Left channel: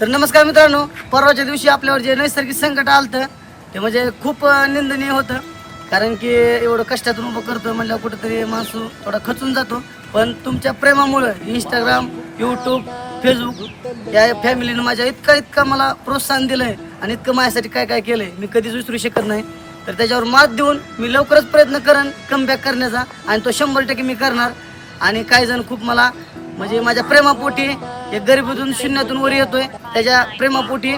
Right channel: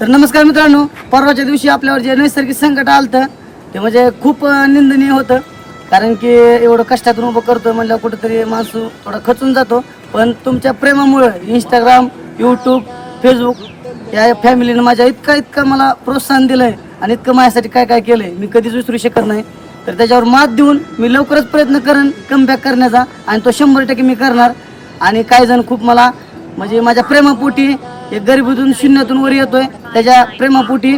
तर नमस्कार मित्रांनो, परवाच्या दिवशी आपल्यावर जे नैसर्गिक संकट आलं ते म्हणजे खूप निंदनीय होतं. कारण की एवढं कष्टातून उभं करतो म्हणलं कुठेतरी माणूस थोडा खचून जातो. पण तुमच्या प्रेमामुळं इंस्टाग्राम, यूट्यूब, फेसबुक या फॅमिलीनं माझ्या इतका मला प्रोत्साहन दिलं आहे आणि इतकं माझ्यासाठी काय काय केलं आहे मी कधीच विसरू शकत नाही. तर त्याच्यावर मात देऊन मी लवकरच प्रयत्न करेन कमबॅक करण्याचा आणि तो 100% मी करणार. आणि काही जण खूप मला म्हणजे माझ्या प्रेमापोटी एक गरिबीतून शून्यातून वर येतोय त्याच्या प्रेमापोटी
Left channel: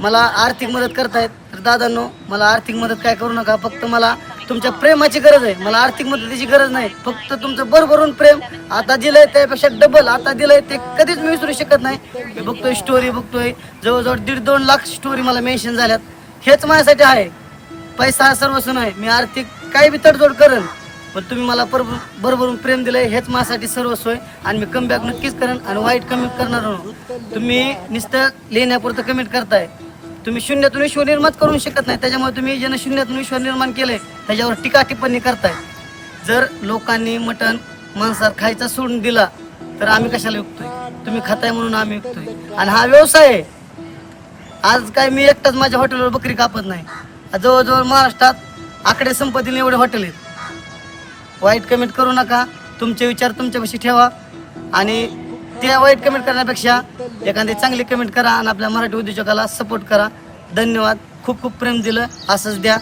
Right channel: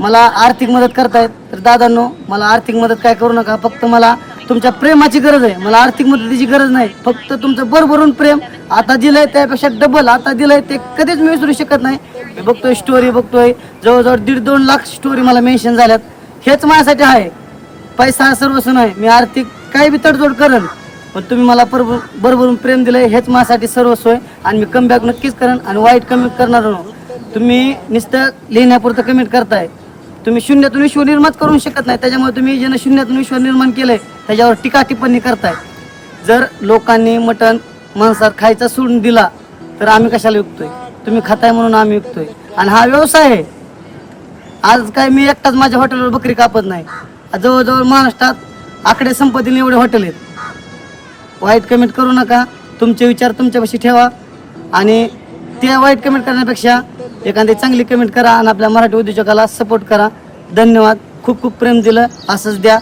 मला आर्थिक मदत करतायत. तर दादांनो, मला आर्थिक मदत काय करू नका, फक्त मला तुमच्या प्रेमाची गरज आहे. मला आर्थिक मदतीची गरज नाही, फक्त तुमचं भरभरून प्रेम आता दिलंय त्यापेक्षा डबल आता दिलंय ते कधीच मी विसरू शकत नाही. मी बघतोय स्टोरी बघतोय, जवळजवळ 1.5-2 लाख स्टोरी मला मेन्शन झाल्यात. हेच माझ्यासाठी आहे, पैसा हा सर्वस्व नाही. मी आर्थिक काही बी तडजोड करेन, पण तुम्ही मला भरभरून प्रेम दिलंय हेच माझ्यासाठी सर्वस्व आहे. आणि मी कमबॅक नक्कीच करेन आणि वाईट कमेंट करणार नाही. तुम्ही नुसतं लिहिण्यापुरतं कमेंट करताय, तुम्ही शून्यातून विश्व निर्माण करू शकत नाही. त्याच्यामुळे तुम्ही ज्यानं शून्यातून विश्व निर्माण केलंय त्याच्यावर टीका टिप्पणी करताय. जर लोकांनी मटण मांसाहार खायचा सोडून दिला तर आम्ही कशाला विकतोय? तुम्ही खाताय म्हणून आम्ही विकतोय. आणि हा व्यवसाय आहे. आज काय मी एकटाच माझ्या हॉटेलवर बकरी कापत नाही, जवळजवळ महाराष्ट्रात आकडे संपत्तीने एवढे हॉटेल आहेत. वाईट कमेंट करू नका, तुमचे विचार तुमच्यापाशी ठेवा आणि त्या वाईट कमेंट करण्यापेक्षा एखादी चांगली कमेंट करा आणि आपल्या मराठी उद्योजकाला सपोर्ट करा. धन्यवाद. खूप खूप प्रेम दिलं, असंच द्या.